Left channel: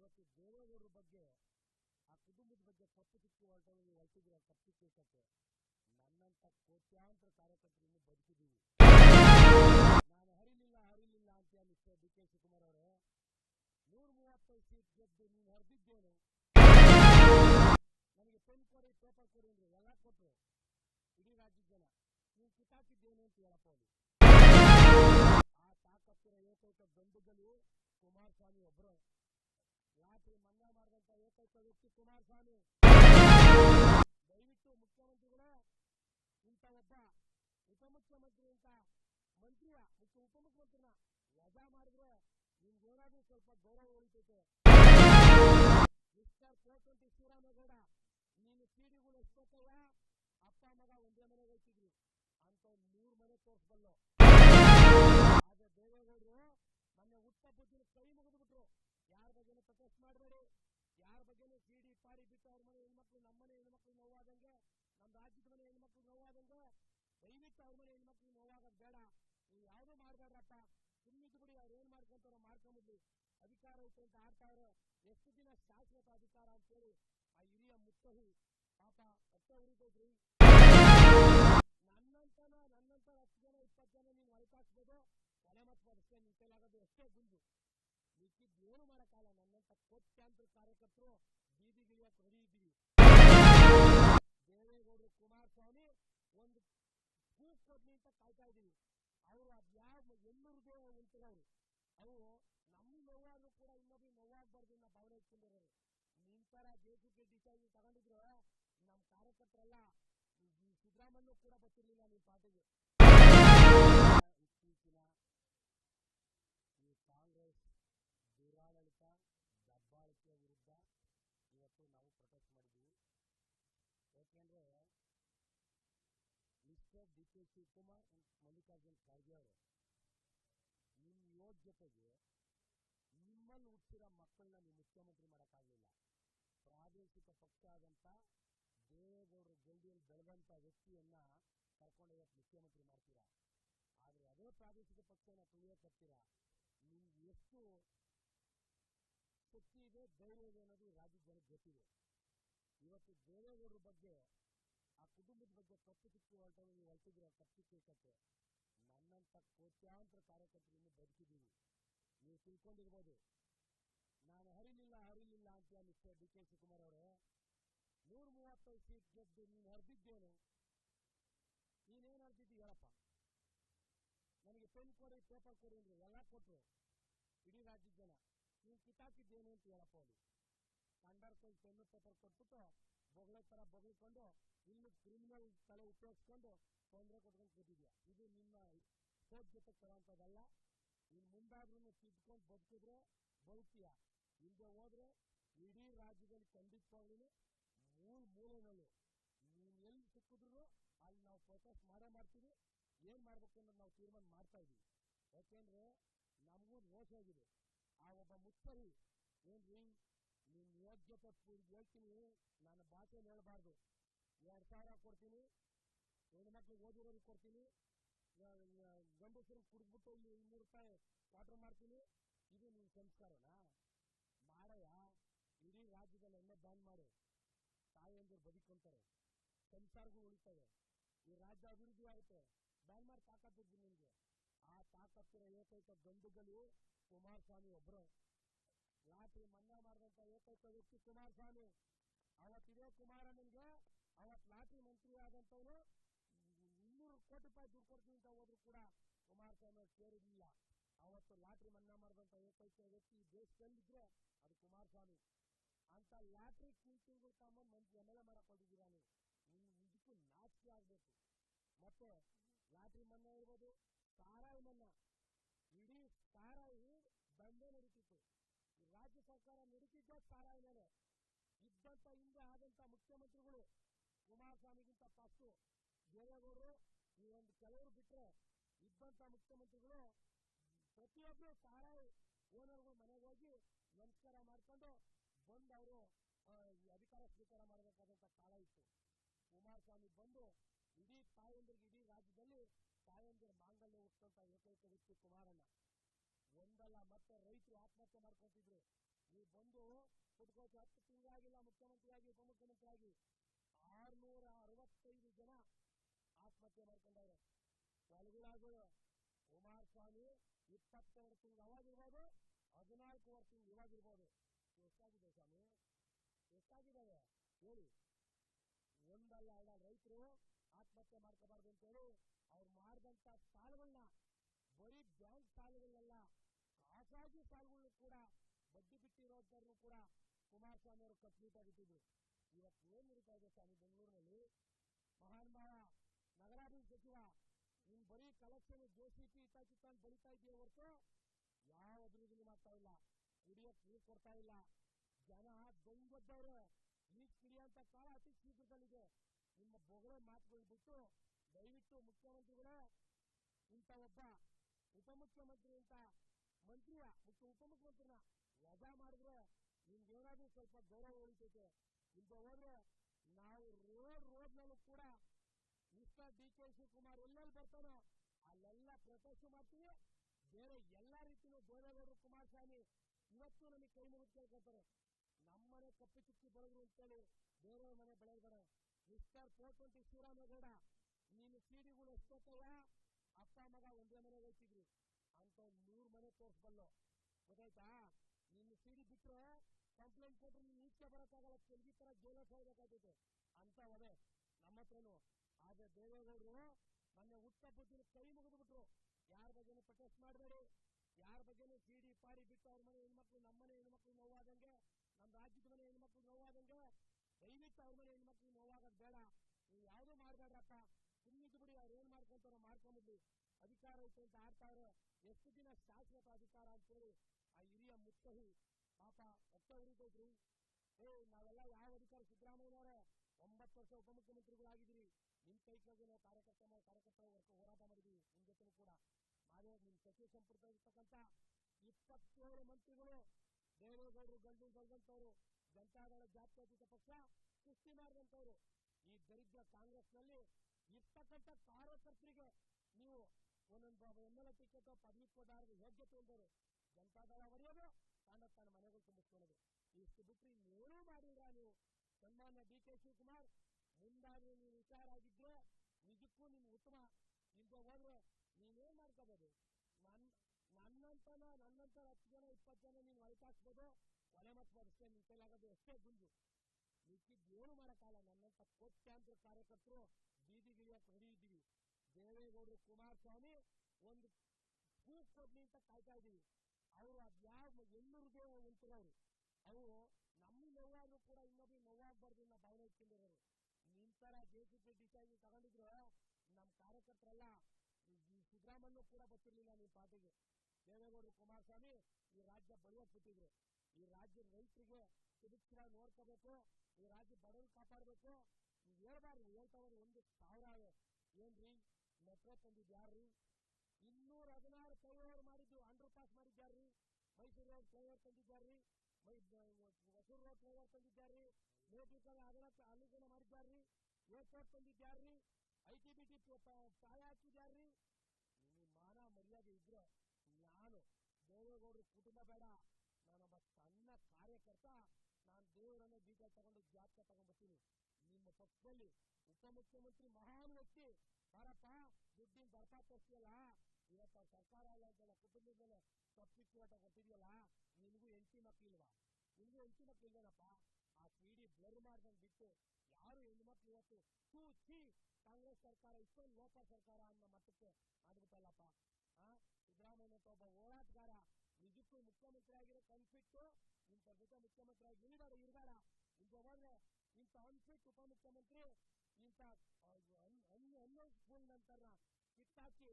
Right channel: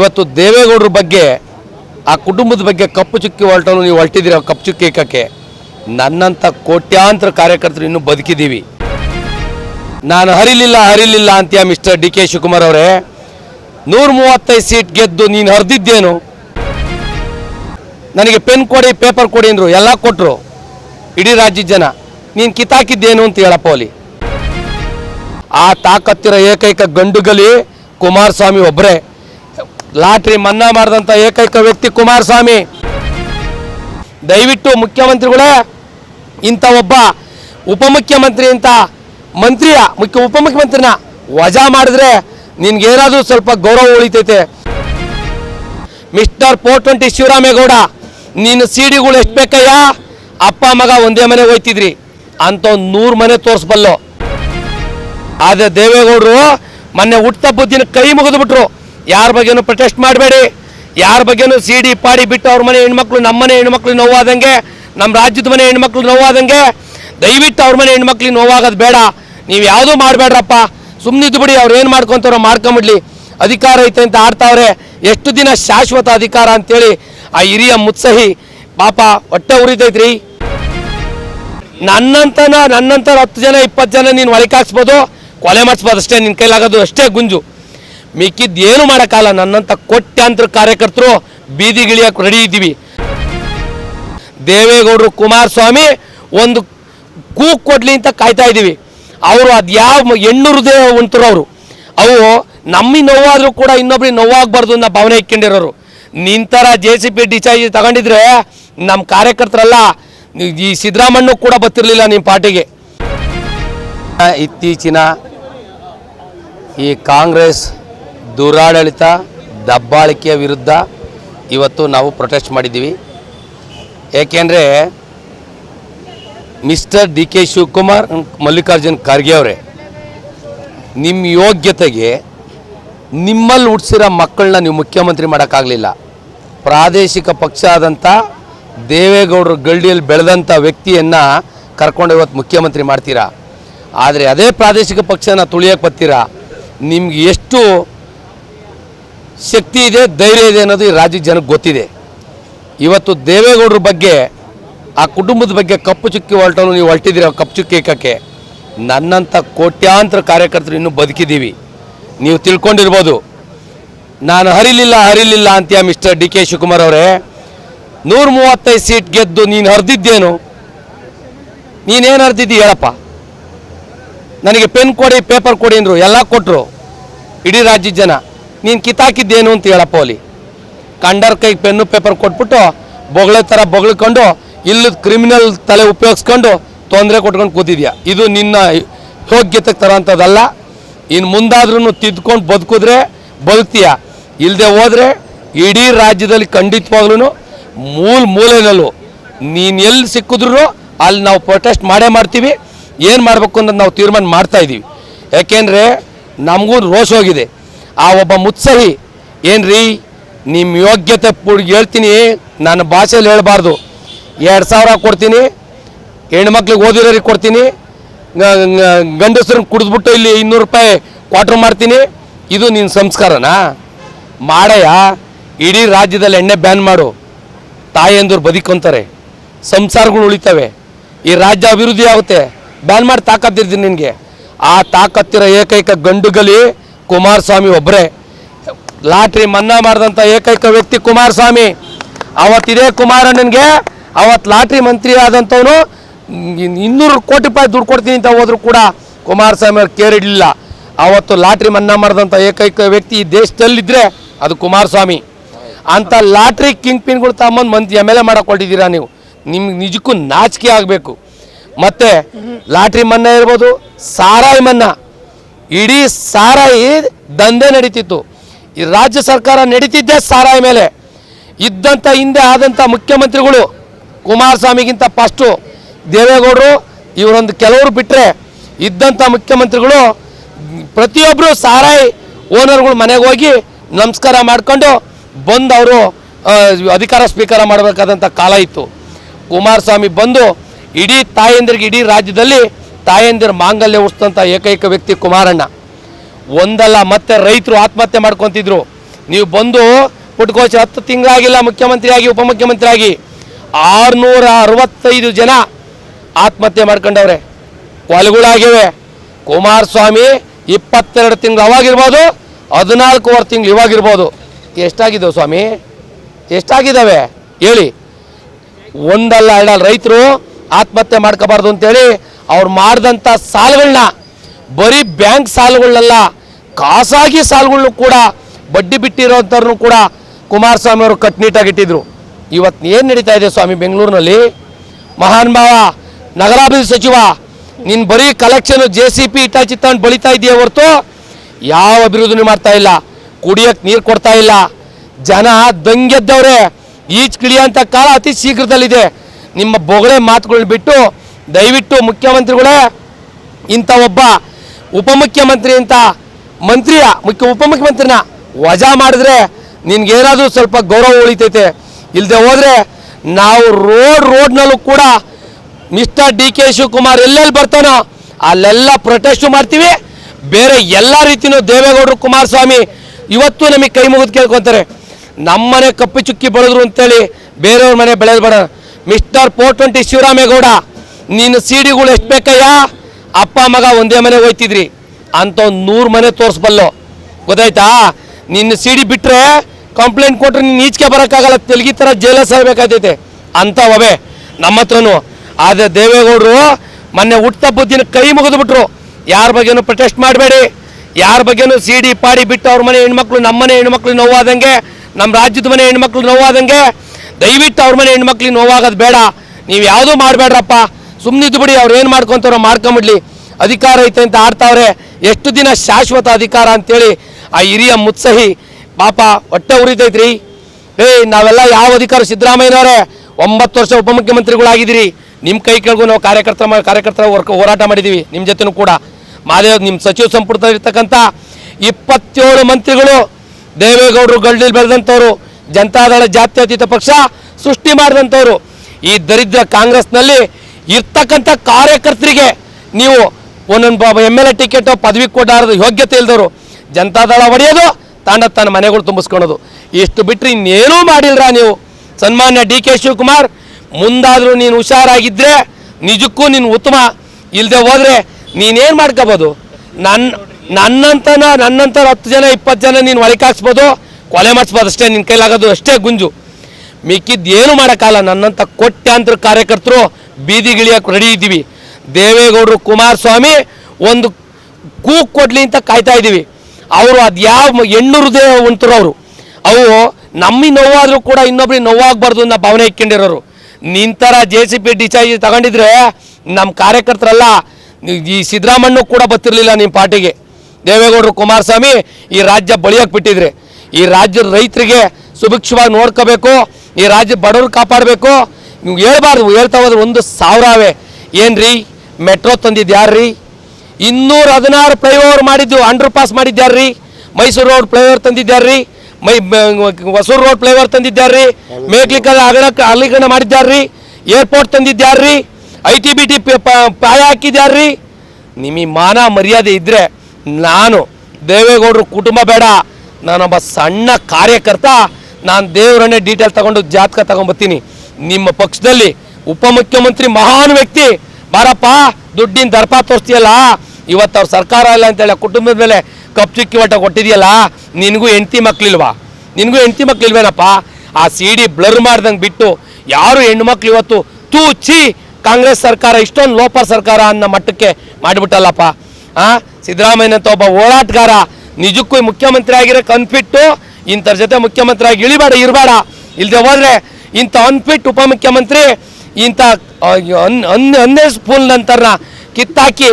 ಇವತ್ತು ದೇವೇಗೌಡರ ಬಗ್ಗೆ, ಆ ಕುಟುಂಬದ ಬಗ್ಗೆ ಕಪ್ಪು ಚುಕ್ಕಿ ಹೊರಟಲು ನೀವು ಹೊರಟಿದ್ದೀರ ಕಪ್ಪು ಚುಕ್ಕಿ ಇಕ್ಕಕ್ಕೆ ನನ್ನಂಥ ಕೋಟ್ಯಾಂತರ ಕಾರ್ಯಕರ್ತರು ಇನ್ನೂ ಬದುಕಿದ್ದೀವಿ. ನಾನು ಹರಿಲಿಲ್ಲ ಹರಿಲಿಲ್ಲ ಅಂತೀಯ ಮಿಸ್ಟರ್ ಡಿ ಕೆ ಶಿವಕುಮಾರ್ ಅವರೇ? ನೂರ ಮೂವತ್ತೈದು ಸೀಟ್ ಗೆದ್ದು ನೀನು ಹರಿದಿದ್ದೇನು? ನನಗೆ ಪೆನ್ ಕೊಡಿ, ಪೇಪರ್ ಕೊಡಿ ಅಂದರು, ಎಲ್ಲ ಕೊಟ್ಟರು ಇಡೀ ರಾಜ್ಯದ ಜನ. ನೀನು ಕಿತ್ತಾಕಿದ್ದೇನು ಅಂತ ಹೇಳಪ್ಪ ಅಲ್ಲಿ ಆ ತಾಕತ್ತಿರ ಏಕೈಕ ಗಂಡುಗಲಿ ಕುಮಾರಸ್ವಾಮಿ ಒಬ್ಬರೇ ಲಾಟ್ರಿ ಮನ್ನಾ ಮಾಡಿದಂಥ ಏಕೈಕ ವ್ಯಕ್ತಿ ಕುಮಾರಸ್ವಾಮಿ. ದಯವಿಟ್ಟು ಮುಖ್ಯಮಂತ್ರಿಗಳೇ, ಇಂಥ ಒಬ್ಬ ಉಪಮುಖ್ಯಮಂತ್ರಿ ಅಂತ ಮಂತ್ರಿಯ, ಮುಖ್ಯ ಉಪಮುಖ್ಯಮಂತ್ರಿನ ವಜಾ ಮಾಡಿದ್ರೆ ನಿನ್ಗೇನಾದರೂ ಸ್ವಲ್ಪ ಗೌರವ ಉಳಿತೈತೆ. ಮಿಸ್ಟರ್ ಫೋರ್ ಟ್ವೆಂಟಿ ಶಿವರಾಮೇಗೌಡ ನೀನು ಸಿಡಿಗಳು ಎಷ್ಟು ಬೇಕಯ್ಯ? ಅಪ್ಪ, ಮಗ ಒಂದೇ ಮನೆ ಹೋಯ್ತಿದ್ರಿ. ಅಂತ ಒಂದು ನೂರು ಮನೆ ತೋರಿಸ್ಬಲ್ಲೋ. ಆದರೆ ದೇವೇಗೌಡರು ಮೊನ್ನೆ ಹುಟ್ಟ ಬುದ್ಧಿನ ಕೈ ಮುಗಿದು ಬಿಟ್ರು ಯಾರ ಬಗ್ಗೆನೂ ಪ್ರೊಟೆಸ್ಟ್ ಮಾಡಬೇಡಿ. ಯಾರ ಬಗ್ಗೆನೂ ಸಿಡಿ ಪಾಡಿ ಬಿಟ್ಟು ಅವ್ರ ಮನೆ ಹೆಣ್ಮಕ್ಳು ನಮ್ಮ ಮನೆ ಹೆಣ್ಮಕ್ಳು ನೋವಾದಂಗೆ ನಮ್ಮ ರಾಜ್ಯದ ಮನೆ ಹೆಣ್ಮಕ್ಳು ನೋವಾದಂಗೆ, ದಯವಿಟ್ಟು ಅವ್ರ ಮನೆ ಹೆಣ್ಮಕ್ಳಿಗೆ ನೋವಾಗೋದು ಬೇಡ. ನೀವು ಯಾವುದೂ ಮಾಡಬೇಡ್ರಪ್ಪ. ಸುಮ್ಮನಿದ್ದು ಬಿಡಿ, ಅವ್ರು ಏನು ಮಾಡ್ಕೊಂತಾರೋ ಮಾಡ್ಕೊಂಬಿಡ್ಲಿ. ಅಧಿಕಾರ ಐತೆ ಅಂತ ಆಡ್ತಾವ್ರೆ. ಎಷ್ಟು ದಿನ ಶಾಶ್ವತ ಅಧಿಕಾರ ಅಂತೇಳಿ ಆ ಹಿರಿಯ ಮುತ್ಸಹಿ ಪಾಪ ಹೊಟ್ಟೆ ಉರಿತೈತ್ರಿ. ನನ್ನಂತನ ನನ್ನಂತರ ಹತ್ತು ಜನ, ಇಪ್ಪತ್ತು ಜನ ನೀನು ಒಳಕಾಕ್ಸ್ಬೋದು ಕೊಲೆ ಮಾಡಿಸ್ಬೋದು ಅಷ್ಟೇ ನಿನ್ನ ಕೈಲಾಗೋದು ಅಷ್ಟೇ ಗುಂಜು. ಮಿಕ್ಕಿದ್ದು ಏನು ಮಾಡೋಕ್ಕಲ್ಲ ನನ್ನಂಥ ಕೋಟ್ಯಾಂತರ ಕಾರ್ಯಕರ್ತರು ಬೀದಿಗಿಳಿಯಕ್ಕೆ ರೆಡಿ ಇದ್ದೀವಿ. ದೇವೇಗೌಡರು ಕುಮಾರಸ್ವಾಮಿ ಒಂದು ಕೂಕ್ ಕೊಡ್ಲಿ ಅಂತ ಕಾಯ್ತಾ ಇದ್ದೀವಿ. ಅವರು ಅದು ಯಾವ ಹೆಣ್ಣು ಹೃದಯ ಉಂಟರು ಅವರು. ಅವು ನಮ್ಮ ನೋವಾದರೂ ಕೂಡ ಇನ್ನೊಬ್ರಿಗೆ ನೋವಾಗಬಾರ್ದು ಅನ್ನೋ ಭಾವನೆ ಇಟ್ಕೊಂಡಿರೋರು ನಿಂತರ ಜೆ ಸಿ ಪಿ ಡಿಚಾರ್ಜ್ ತಗೊಂಡಿದ್ರೆ ನಮ್ಮ ಕಾರ್ಯಕರ್ತರಲ್ಲ, ಈ ಸಿದ್ದರಾಮಣ್ಣು ಕೂಡ ಬರ್ತಿರ್ಲಿಲ್ಲ ನಿಮ್ಮ ಪಾರ್ಟಿಗೆ. ಇತ್ತೀಚಿನ ಈ ಕಾಂಗ್ರೆಸ್ ದುರಾಡಳಿತ, ದಬ್ಬಾಳಿಕೆಯ ವಿರುದ್ಧ ಇವತ್ತು ನಾವು ಪ್ರೊಟೆಸ್ಟ್ ಮಾಡಿದ್ದೀವಿ. ಏಕೆಂದರೆ mister D K Shivakumar Mallikarjun Kharge ಅವರೇ ನಿಮ್ಮ ಯೋಗ್ಯತೆಗೆ ನಿಮ್ಮಲ್ಲಿ ಹುಟ್ಟಿಸಿರೋ ಮಕ್ಕಳನ್ನ ನೀವು ಮುಖ್ಯಮಂತ್ರಿ ಮಾಡೋಕ್ಕಾಗಲಿಲ್ಲ. ಪ್ರಾದೇಶಿಕ ಪಕ್ಷ ಆದಂಥ ದೇವೇಗೌಡರ ಗಲ್ಡಿಯಲ್ಲಿ ಬೆಳೆದಂಥ ವ್ಯಕ್ತಿಯನ್ನು ಕರ್ಕೊಂಡು ಇವತ್ತು ಮುಖ್ಯಮಂತ್ರಿ ಮಾಡ್ತೀರಾ? ಆದರೆ ಅದೇ ಪ್ರಾದೇಶಿಕ ಪಕ್ಷನ ತುಳಿಯಕ್ಕೆ ಬರ್ತೀರಾ? ನಿಮ್ಗೆ ಎಷ್ಟು ಶಕ್ತಿ ಇದೆ, ಧೈರ್ಯ ಇದೆ ಅನ್ನೋದು ಈ ರಾಜ್ಯದ ಜನಕ್ಕೆ ಗೊತ್ತಿದೆ. ಇವತ್ತು ದೇವೇಗೌಡರ ಬಗ್ಗೆ, ಆ ಕುಟುಂಬದ ಬಗ್ಗೆ ಕಪ್ಪು ಚುಕ್ಕಿ ಹೊರಟಲು ನೀವು ಹೊರಟಿದ್ದೀರ ಕಪ್ಪು ಚುಕ್ಕಿ ಇಕ್ಕಕ್ಕೆ ನನ್ನಂಥ ಕೋಟ್ಯಾಂತರ ಕಾರ್ಯಕರ್ತರು ಇನ್ನೂ ಬದುಕಿದ್ದೀವಿ. ನೀವು ತಿಳ್ಕೊಂಡಿರ್ಬೋದು. ನಾನು ಹರಿಲಿಲ್ಲ ಹರಿಲಿಲ್ಲ ಅಂತೀಯ ಮಿಸ್ಟರ್ ಡಿ ಕೆ ಶಿವಕುಮಾರ್ ಅವರೇ. ನೂರ ಮೂವತ್ತೈದು ಸೀಟ್ ಗೆದ್ದು ನೀನು ಹರಿದಿದ್ದೇನು? ನೀನೇನು ಹರಿದಿದ್ದಿ ಹೇಳಪ್ಪ. ನನಗೆ ಪೆನ್ ಕೊಡಿ, ಪೇಪರ್ ಕೊಡಿ ಅಂದರು, ಎಲ್ಲ ಕೊಟ್ಟರು ಇಡೀ ರಾಜ್ಯದ ಜನ. ನೀನು ಕಿತ್ತಾಕಿದ್ದೇನು ಅಂತ ಹೇಳಪ್ಪ ಅಲ್ಲಿ ಕಂಡರ್ ಕೈಗೆ ಪೆನ್ನು ಪೇಪರ್ ಕೊಟ್ಬಿಟ್ಟು ಬೊಗಳೆ ಥರ ಬೊಗಳ್ಕೊಂಡು ಇಲ್ಲದ ಕ್ರಿಮಿನಲ್ ತಲೆ ಉಪಯೋಗಿಸ್ಕೊಂಡು ತೊಂದರೆ ಕೊಟ್ಕೊಂಡು ಕೂತಿದ್ಯಾ? ಇದು ನಿನ್ನ ಯೋಗ್ಯತೆಗೆ ತರೋಂಥದ್ದಲ್ಲ. ಇನ್ನು ಮುಂದಾದ್ರೂ ತಿದ್ಕೊಂಡು ಬದುಕಿದ್ರೆ ಬದುಕ್ತೀಯ? ಇಲ್ಲದೆ ಹೋದರೆ ಇಡೀ ರಾಜ್ಯದಲ್ಲಿ ಖಂಡಿತವಾಗ್ಲೂ ಮೂಲ ಮೂಲೆಯಲ್ಲೂ ನೀನು ಎಲ್ಲಿ ಸಿಕ್ಕಿದ್ರು ಅಲ್ಲಿ ನಾವು ಪ್ರೊಟೆಸ್ಟ್ ಮಾಡೇ ಮಾಡ್ತೀವಿ. ಏನು ಮಾಡಬೇಕು ಅಂತ ನಾವು ತೀರ್ಮಾನ ಮಾಡ್ತಾ ಇದ್ದೀವಿ ಯಾಕೆಂದರೆ ನಮಗೂ ರೋಸ್ ಹೋಗಿದೆ. ಆ ಒಬ್ಬ ಮುತ್ಸಹಿ. ಏನ್ರಿ? ನಿಮ್ಮ ಯೋಗ್ಯತೆ ಪುಡ್ ಹೇಳ್ತೀನಿ, ನನ್ನ ಭಾಷೆಯಲ್ಲಿ ಹೇಳಬಾರ್ದು. ಎರಡು ಸಾವಿರ ಕೊಡ್ತೀನಿ, ಹೆಣ್ಮಕ್ಳಿಗೆ ಓದಿರೋರಿಗೆ ಕೊಡ್ತೀನಿ ಗಂಡಸ್ರನ್ನ ಕುಡಿದ್ಬಿಟ್ಟು ಇಲ್ಲಿ ಇನ್ನೂರು ರೂಪಾಯಿ ಕ್ವಾಟ್ರ್ ಮಾಡ್ತೀನಿ ಇದು ನಿನ್ನ ಸಂಸ್ಕಾರನಾ? ಮಾಡಯ್ಯ, ಇಡೀ ರಾಜ್ಯದಲ್ಲಿ ಎಣ್ಣೆ ಬ್ಯಾನ್ ಮಾಡು. ತಾಯಂದಿರು ಬದುಕೊಂತಾರೆ. ಸಂಸಾರಗಳು ಉಳಿತವೆ. ಈ ರಾಜ್ಯ ಅಭಿವೃದ್ಧಿ ಆಗುತ್ತೆ. ಬ್ಯಾನ್ ಮಾಡಿ ತಾಕತ್ತಿರ್ತೀನಿ ನಿನಗೆ. ಆ ತಾಕತ್ತಿರೋ ಏಕೈಕ ಗಂಡುಗಲಿ ಕುಮಾರಸ್ವಾಮಿ ಒಬ್ಬರೇ ಲಾಟ್ರಿ ಮನ್ನಾ ಮಾಡಿದಂಥ ಏಕೈಕ ವ್ಯಕ್ತಿ ಕುಮಾರಸ್ವಾಮಿ. ಅವತ್ತಿದೇ ಕುಮಾರಣ್ಣನಿಗೆ ಅವತ್ತು ಲಾಟ್ರಿ ಮಂತ್ರಿ ಆದಂಥವನು ಇನ್ನೂರು ಕೋಟಿ ರೂಪಾಯಿ ದುಡ್ಡು ಕೊಡ್ತೀನಿ ಅಂತ ಹೋದ್ರು ಕೂಡ ಕುಮಾರಸ್ವಾಮಿ ಅವ್ರು ಕೇರಿಡ್ಲಿಲ್ಲ ಅವತ್ತು ಲಾಟ್ರಿ ಮನ್ನಾ ಮಾಡಿದಂಥ ಏಕೈಕ ವ್ಯಕ್ತಿ ಈ ದೇಶದಲ್ಲಿದ್ದರೆ ಅದು ಕುಮಾರಸ್ವಾಮಿ. ಅಂಥ ಲಾಟ್ರಿ ಕಿಂಗ್ ಪಿನ್ಗಳು ತಗೊಂಬಂದು ಮಂತ್ ಎಂ ಎಲ್ ಎ ಮಾಡಕೊಟ್ಟಿದ್ದೀರಾ ನೀವು? ನಿಮ್ಗೆ ನಿಜಕ್ಕೂ ನಾಚಿಕೆ ಆಗಬೇಕು. ಮತ್ತು ಲಾಟ್ರಿ ಮನ್ನಾ ಇರ್ಬೋದು, ಸಾರಾಯಿ ಮನ್ನಾ. ಇಡೀ ಸಾರಾಯಿ ದಂಧೆ ನಡೀತಿತ್ತು. ಈ ರಾಜ್ಯ ಸರ್ಕಾರ ನಡೀತಿದ್ದೇ ಸಾರಾಯಿ ಮೇಲೆ. ಇದ್ದಂಥ ಹಿಂದೆ ಆದಂಥ ಮುಖ್ಯಮಂತ್ರಿಗಳು ಕುಮಾರಸ್ವಾಮಿಗಿಂತ ಫಸ್ಟು ದೇವೇಗೌಡರು, ಇವರೊಂದು ಕೆಲವರು ಬಿಟ್ಟರೆ ಇದ್ದಂಥ ಮುಖ್ಯಮಂತ್ರಿಗಳು ಪ್ರತಿಯೊಬ್ಬರು ಸಾರಾಯಿ ಓನರ್ಗಳು ಮನೆಗೆ ಹೋಗಿ ನಮಸ್ಕಾರ ಮಾಡಿಕೊಂಡು ಬಂದು ಅವರು ಅಧಿಕಾರ ಸ್ವೀಕಾರ ಮಾಡಬೇಕಾದಂಥ ಕಾಲ ಇತ್ತು. ಕುಮಾರಸ್ವಾಮಿ ಬಂದು ಇಡೀ ತಾಯಂದಿರಿಗೆ, ಇಡೀ ರಾಜ್ಯದಲ್ಲಿ ತಾಯಂದಿರ ಮಾಂಗಲ್ಯ ಉಳಿಸ್ತಂಥ ಏಕೈಕ ವ್ಯಕ್ತಿ ಕುಮಾರಣ್ಣ. ಒಂದಲ್ಲ ಮತ್ತೆ ರೈತರು ಆತ್ಮಹತ್ಯೆ ಮಾಡ್ಕೊತಿದ್ರು. ನೀವು ಬಂದು ಪುಟ್ಕೋಚ್ ಹತ್ತು ತಿಂಗಳಾಗಿಲ್ಲ ಮುಖ್ಯಮಂತ್ರಿ ಆಗಿ ಉಪಮುಖ್ಯಮಂತ್ರಿ ಆಗಿ ಆರುನೂರ ಅರವತ್ತೈದು ಜನ ಆತ್ಮಹತ್ಯೆ ಮಾಡ್ಕೊಂಡವ್ರೆ. ಕೊಲೆಗಳಾಗಿವೆ. ಕುಮಾರಸ್ವಾಮಿ ಇಪ್ಪತ್ತೆರಡು ತಿಂಗಳು ಅವಾಗಿರ್ಬೋದು, ಹದಿನಾಲ್ಕೂವರೆ ತಿಂಗಳು ಇವಾಗಿರ್ಬೋದು. ಎಷ್ಟಾಗಿದ್ದವು ಸ್ವಾಮಿ? ಎಷ್ಟಾಗಿದ್ದಾವೆ? ಹೇಳಿ. ಒಂದಲ್ಲ ಎರಡಲ್ಲ ರೈತರು ಆತ್ಮಹತ್ಯೆ ಮಾಡ್ಕೋಬಾರ್ದು ಅಂತೇಳಿ ಅವ್ರು ಮಾಡಿದಂಥ ಸಾಲಗಳನ್ನ ಬರೀ ಬ್ಯಾಂಕ್ ಸಾಲಗಳನ್ನೆಲ್ಲ ಖಾಸಗಿ ಸಾಲಗಳನ್ನು ಕೂಡ ಬಡ್ಡಿ ಬಿಟ್ಟಿರೋಂಥವ್ರನ್ನು ಕೂಡ ಕುಮಾರಸ್ವಾಮಿ ಅವರು ಕಟ್ನಿಟ್ಟಾಗಿಟ್ಟಿದ್ರು ಇವತ್ತು ಏನು ನಡೀತಾ ಇದೆ ಸ್ವಾಮಿ ಬೆಂಗಳೂರಿನಲ್ಲಿ? ಮಹಾನ್ ಭಾವ, ನಗರಾಭಿವೃದ್ಧಿ ಸಚಿವ ನಿನ್ನ ಬರೀ collection J C P Hitachi ಬಳಿತಾ ಇದೆಯಾ ಹೊರತು? ಯಾವ ಅಭಿವೃದ್ಧಿ ಮಾಡ್ತಾ ಇಲ್ಲ. ಕುಡಿಯೋಕ್ಕೆ ನೀರು ಕೊಡ್ತಾ ಇಲ್ಲ. ಜನ ದಂಗೆದ್ದವ್ರೆ. ಈಚ್ ಕಿಳಿಯೋಂಥ ಕಾಲ ಅತಿ ಶೀಘ್ರದಲ್ಲಿದೆ. ನಿಮ್ಮ ಬೊಗಳೆ ಮಾತುಗಳನ್ನ ಬಿಟ್ಟು ದಯವಿಟ್ಟು ಮುಖ್ಯಮಂತ್ರಿಗಳೇ, ಇಂಥ ಒಬ್ಬ ಉಪಮುಖ್ಯಮಂತ್ರಿ ಅಂತ ಮಂತ್ರಿಯ ಮುಖ್ಯ ಉಪಮುಖ್ಯಮಂತ್ರಿನ ವಜಾ ಮಾಡಿದ್ರೆ ನಿನ್ಗೇನಾದರೂ ಸ್ವಲ್ಪ ಗೌರವ ಉಳಿತೈತೆ. ಇಲ್ಲದೆ ಹೋದರೆ ನಾವು ರೋಡ್ ರೋಡ್ನಲ್ಲೂ ಕೂಡ ಮಿಸ್ಟರ್ ಡಿ ಕೆ ಶಿವಕುಮಾರ್ ಎಲ್ಲೆಲ್ಲಿ ಬರ್ತಾನೋ ಅಲ್ಲೆಲ್ಲ ಪ್ರೊಟೆಸ್ಟು ಮಾಡ್ತೀವಿ. ಬೇರೆ ಎಲ್ಲ ರೀತಿಯೂ ದೇವೇಗೌಡರು ಕುಮಾರಸ್ವಾಮಿ ಇವತ್ತು ನಮಗೆ ಕೈ ಮುಗಿದು ಕೇಳ್ಕೊತಾರೆ. ನಮ್ಮನೆ ಕಪ್ಪು ಚುಕ್ಕಿ ಬೆಳೆದ್ರು ಅಂತೇಳಿ ಬೇರೆಯವ್ರ ಮನೆ ಬೆಳೆದು ಬೇಡ ಮಿಸ್ಟರ್ ಫೋರ್ ಟ್ವೆಂಟಿ ಶಿವರಾಮೇಗೌಡ ನೀನು ಸಿಡಿಗಳು ಎಷ್ಟು ಬೇಕಯ್ಯ? ಅಪ್ಪ, ಮಗ ಒಂದೇ ಮನೆ ಹೋಯ್ತಿದ್ರಿ. ಅಂತ ಒಂದು ನೂರು ಮನೆ ತೋರಿಸ್ಬಲ್ಲೋ. ಗೊತ್ತಾಯ್ತಾ? ನಿನ್ನ ಸಿಡಿ ಬಿಟ್ಟರೆ ಕಂಪ್ಲೇಂಟ್ ಕೊಟ್ಟರೆ ನೀನು ಈಚೆಗೆ ಬರೋಕ್ಕಾಗಲ್ಲ. ತೆಲುಗಿ ಥರ ಜೈಲ ಸಾಯ್ಬೇಕಾಗ್ತೈತೆ. ಒಬೆ ನಮ್ಮ ಹತ್ರನು ಆದರೆ ದೇವೇಗೌಡರು ಮೊನ್ನೆ ಹುಟ್ಟ ಬುದ್ಧಿನ ಕೈ ಮುಗಿದ್ಬಿಟ್ರು ಯಾರ ಬಗ್ಗೆನೂ ಪ್ರೊಟೆಸ್ಟ್ ಮಾಡಬೇಡಿ. ಯಾರ ಬಗ್ಗೆನೂ ಸಿಡಿ ಪಾಡಿ ಬಿಟ್ಟು ಅವ್ರ ಮನೆ ಹೆಣ್ಮಕ್ಳು ನಮ್ಮ ಮನೆ ಹೆಣ್ಮಕ್ಳು ನೋವಾದಂಗೆ ನಮ್ಮ ರಾಜ್ಯದ ಮನೆ ಹೆಣ್ಮಕ್ಳು ನೋವಾದಂಗೆ, ದಯವಿಟ್ಟು ಅವ್ರ ಮನೆ ಹೆಣ್ಮಕ್ಳಿಗೆ ನೋವಾಗೋದು ಬೇಡ. ನೀವು ಯಾವುದೂ ಮಾಡಬೇಡ್ರಪ್ಪ. ಸುಮ್ಮನಿದ್ದು ಬಿಡಿ, ಅವ್ರು ಏನು ಮಾಡ್ಕೊತಾರೋ ಮಾಡ್ಕೊಂಬಿಡ್ಲಿ. ಅಧಿಕಾರ ಐತೆ ಅಂತ ಆಡ್ತಾವ್ರೆ. ಎಷ್ಟು ದಿನ ಶಾಶ್ವತ ಅಧಿಕಾರ ಅಂತೇಳಿ ಆ ಹಿರಿಯ ಮುತ್ಸಹಿ ಪಾಪ ಹೊಟ್ಟೆ ಉರಿತೈತ್ರಿ. ಏಯ್, ನಾವೆಲ್ಲ ಯಾವ ಅಧಿಕಾರ ಸಿದ್ದರಾಮಯ್ಯನವರೇ? ಒಂಬತ್ತು ವರ್ಷ ಉಪಮುಖ್ಯಮಂತ್ರಿಗಳಾಗಿದ್ದೀರಿ. ನಿಮ್ಮ ಕೈ ಕೆಳಗೂ ನಾವು ಕಾರ್ಯಕರ್ತರ ಕಾರ್ಯಕರ್ತರ ಹೋರಾಟ ಮಾಡಿದ್ದೀವಿ ನಿಮ್ಮ ಜೊತೆನೂ ಕೂಡ. ಮಾದೇವ್ ನಿಮ್ಮ ಸಚಿವ ಸಂಪುಟದಲ್ಲಿರ್ತಕ್ಕಂಥ ಇಪ್ಪತ್ತೇಳು ಮಂತ್ರಿಗಳು, ದೇವೇಗೌಡರು, ಗಳ್ಳಿಲಿ ಬೆಳೆದಂಥವ್ರು, ಜನತಾದಳ ಜಾತ್ಯತೀತ ಪಕ್ಷ, ಸೃಷ್ಟಿ ಮಾಡಿದಂಥವ್ರು. ಈ ದರಿದ್ರ ಕಾಂಗ್ರೆಸ್ನಲ್ಲಿ ಇರ್ತಕ್ಕಂಥ ಕಾರ್ಯಕರ್ತರಿಗೆ ನೀವು ಒಂದೊಂದು ಎಂ ಎಲ್ ಎ ಟಿಕೆಟ್ ಪದವಿ ಕೊಡಾರದ ಯೋಗ್ಯತೆ ಇಲ್ದವರು ಜನತಾದಳ ಹೊಡೆಯೋದು ತಾಂಡ ತನ್ನ ಮನೆಗಳು ತುಂಬಿಸ್ಕೊಳೋದು ಇಷ್ಟು ಬಿಟ್ಟರೆ ಇನ್ನೇನೂ ಮಾಡಿಲ್ಲರ ನೀವು? ಸನ್ಮಾನ್ಯ ಡಿ ಕೆ ಶಿವಕುಮಾರ್, ಮುಂದಾದರೂ ನೀನು ಹುಷಾರಾಗಿದ್ದರೆ ನಿಜಕ್ಕೂ ನೀನು ಉತ್ತಮ. ಇಲ್ಲದೆ ಹೋದರೆ ನೀನೇನು ಮಾಡ್ಕೋಬೋದು? ನನ್ನ ನನ್ನಂತನ ನನ್ನಂತ ಹತ್ತು ಜನ, ಇಪ್ಪತ್ತು ಜನ ನೀನು ಒಳಗೆ ಹಾಕ್ಸ್ಬೋದು, ಕೊಲೆ ಮಾಡಿಸ್ಬೋದು ಅಷ್ಟೇ ನಿನ್ನ ಕೈಲಾಗೋದು ಅಷ್ಟೇ ಗುಂಜು. ಮಿಕ್ಕಿದ್ದು ಏನು ಮಾಡೋಕ್ಕಲ್ಲ ನನ್ನಂಥ ಕೋಟ್ಯಾಂತರ ಕಾರ್ಯಕರ್ತರು ಬೀದಿಗಿಳಿಯಕ್ಕೆ ರೆಡಿ ಇದ್ದೀವಿ. ದೇವೇಗೌಡರು ಕುಮಾರಸ್ವಾಮಿ ಒಂದು ಕೂಕ್ ಕೊಡ್ಲಿ ಅಂತ ಕಾಯ್ತಾ ಇದ್ದೀವಿ. ಅವರು ಅದು ಯಾವ ಹೆಣ್ಣು ಹೃದಯ ಉಂಟರು ಅವರು. ಅವು ನಮಗೆ ನೋವಾದರೂ ಕೂಡ ಇನ್ನೊಬ್ರಿಗೆ ನೋವಾಗಬಾರ್ದು ಅನ್ನೋ ಭಾವನೆ ಇಟ್ಕೊಂಡಿರೋರು ನಿಂತರ ಜೆ ಸಿ ಪಿ ಡಿಚಾರ್ಜ್ ತಗೊಂಡಿದ್ರೆ ನಮ್ಮ ಕಾರ್ಯಕರ್ತರಲ್ಲ, ಈ ಸಿದ್ದರಾಮಣ್ಣು ಕೂಡ ಬರ್ತಿರ್ಲಿಲ್ಲ ನಿಮ್ಮ ಪಾರ್ಟಿಗೆ. ದೇವೇಗೌಡರು ಕುಮಾರಸ್ವಾಮಿ ಈ ರಾಜ್ಯ ಬಳಿಯೋಕೆ ಬಿಟ್ಟಿದ್ರೆ. ಈ ರಾಜ್ಯದ ರೈತರಿಗೆ ಸುಭಿಕ್ಷವಾಗಿ ನೋಡ್ಕೋಬೇಕು, ಈ ರಾಜ್ಯ ಬಡವರು ಕಾಪಾಡಬೇಕು ನೀವು ಹೇಳ್ಬಾರ್ದು, ಹೇಳ್ತಾ ಹೋದ್ರೆ ಒಂದು ಸಾವಿರವೇ. ಏನ್ರಿ? ಮೆಟ್ರೋ ತಂದಿದ್ದು ಯಾರ್ರೀ? ಇನ್ನೂರ ಹದಿನಾರು ಫ್ಲೈಓವರ್ ಮಾಡಿದ್ದು ಅಂಡರ್ ಪಾಸ್ ಮಾಡಿದ್ಯಾರ್ರಿ ಮೈಸೂರು ರೋಡ್ ಫ್ಲೈಓವರ್ ತಂದಿದ್ಯಾರ್ರಿ ಮೈ ಹೊಸೂರು ರೋಡ್ ಫ್ಲೈಓವರ್ ತಂದಿದ್ಯಾರ್ರಿ ಮೇಕ್ಲಿಕಲ್ ಅಗಲಕ್ಕೆ, ಅಲ್ಲಿಗಣ ಮಾಡಿದ್ಯಾರ್ರಿ ಏರ್ಪೋರ್ಟ್ ತಂದಿದ್ಯಾರ್ರಿ ಐ ಟಿ ಬಿ ಟಿ ಪಾಯ ಹಾಕಿದ್ಯಾರ್ರಿ ನಿಮಗೆ ಮಾನ ಮರ್ಯಾದೆ ಇದ್ದರೆ ನಾನು ದೇವೇಗೌಡರು ಕುಟುಂಬ ಬೇಡ. ನಾನೊಬ್ಬ ಸಣ್ಣ ಕಾರ್ಯಕರ್ತ. ನಾನು ದೇವರನ್ನೇ ಡೀಟೇಲ್ ತಗೊಂಡು ಜಾತಕ ತಗೊಂಬರ್ತೀನಿ ನಿಮ್ಮ ಪಕ್ಷದಲ್ಲಿ ಉಪಮುಖ್ಯಮಂತ್ರಿ ಮಹಾನ್ ವ್ಯಕ್ತಿ. ಬಾರಪ್ಪ, ದುಡ್ಡಿನ ದರ್ಪ ತೋರಿಸ್ತೀಯಲ್ಲ? ಇವತ್ತು ಅವ್ರ ಸರ್ಕಾರ ಇಲ್ಲ ಅಂತೇಳಿ ಕುಟುಂಬದ ಮೇಲೆ ಕಪ್ ಚಿಕ್ಕಿ ಒಟ್ಟ ಕೊಟ್ಟಿದೆಯಲ್ಲ? ನಿನಗೂ ಹೆಂಡತಿ ಮಕ್ಳಿಲ್ವಾ? ನಿನಗೂ ಹೆಂಡ್ತಿ ಮಕ್ಳಿಲ್ವೇನಪ್ಪ? ಆ ಸಿ ಡಿ ಬ್ಲರ್ ಮಾಡ್ದಂಗೆ ಬಿಟ್ಟು ಯಾರು ಹೆಣ್ಮಕ್ಳು ಇವತ್ತು ತೂ ಚಿ ಕಾಂಗ್ರೆಸ್ ಸರ್ಕಾರ, ಇಷ್ಟೊಂದು ಲೋಪರ್ ಸರ್ಕಾರ ಅನ್ನೋ ಮಟ್ಟಕ್ಕೆ ಮಾಡಿಬಿಟ್ಟಲ್ಲಪ್ಪ. ಆ? ಸಿದ್ದರಾಮಯ್ಯ ಅಂತ ಒಬ್ಬ ಹೋರಾಟಗಾರ ನಿಜಕ್ಕೂ ಮುಖ್ಯಮಂತ್ರಿ ಆಗಿರೋ ಕನ್ಫಿಟ್ಟು ಇಂಥರ ಜೊತೆ ಮುಖ್ಯಮಂತ್ರಿ ಆಗಿ ಇಳಿಬೇಡ, ಇರಬೇಡ. ಇಲ್ಲದೆ ಹೋದ್ರೆ ಇಂಥ ಅನ್ಫಿಟ್ ಉಪಮುಖ್ಯಮಂತ್ರಿ ಇಂಥ ಹನ್ನೆ ಸ್ಪೂನ್ ನಂತರನ ಕಿತ್ತಾಕಿ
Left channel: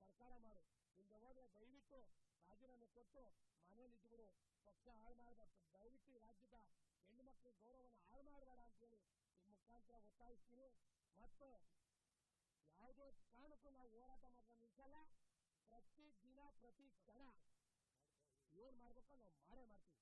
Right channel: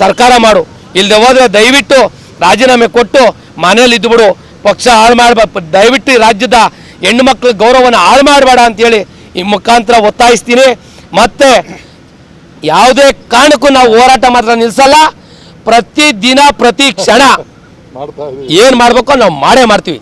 ಸರ್ಕಾರ ಮಾಡು. ಇಲ್ಲದೆ ಹೋದ್ರೆ ದಯವಿಟ್ಟು ರಾಜೀನಾಮೆ ಕೊಟ್ಟು ಮನೇಲಿ ಇದ್ದುಬಿಡು ಪಕ್ಷ ಹಾಳು ಮಾಡಬ ದಯವಿಟ್ಟು ರಾಜ್ಯದ ಹೆಣ್ಣು ಮಕ್ಕಳ ಗೌರವನ ಹಾಳು ಮಾಡಬೇಡ ಅಂತೇಳಿ ಈ ಮುಖಾಂತರ ಒತ್ತಾಯಿಸ್ತೀನಿ. ಮತ್ತೆ ಯಾವುದೇ ಕಾರಣಕ್ಕೂ ನಾವು ಹೋರಾಟ ಮಾತ್ರ ನಿಲ್ಲಿಸಲ್ಲ ಪ್ರತಿ ದಿನ ಪ್ರತಿ ಕ್ಷಣ ಏನು ಮಾಡಬೇಕೋ ನಾವು ಮಾಡೇ ಮಾಡ್ತೀವಿ.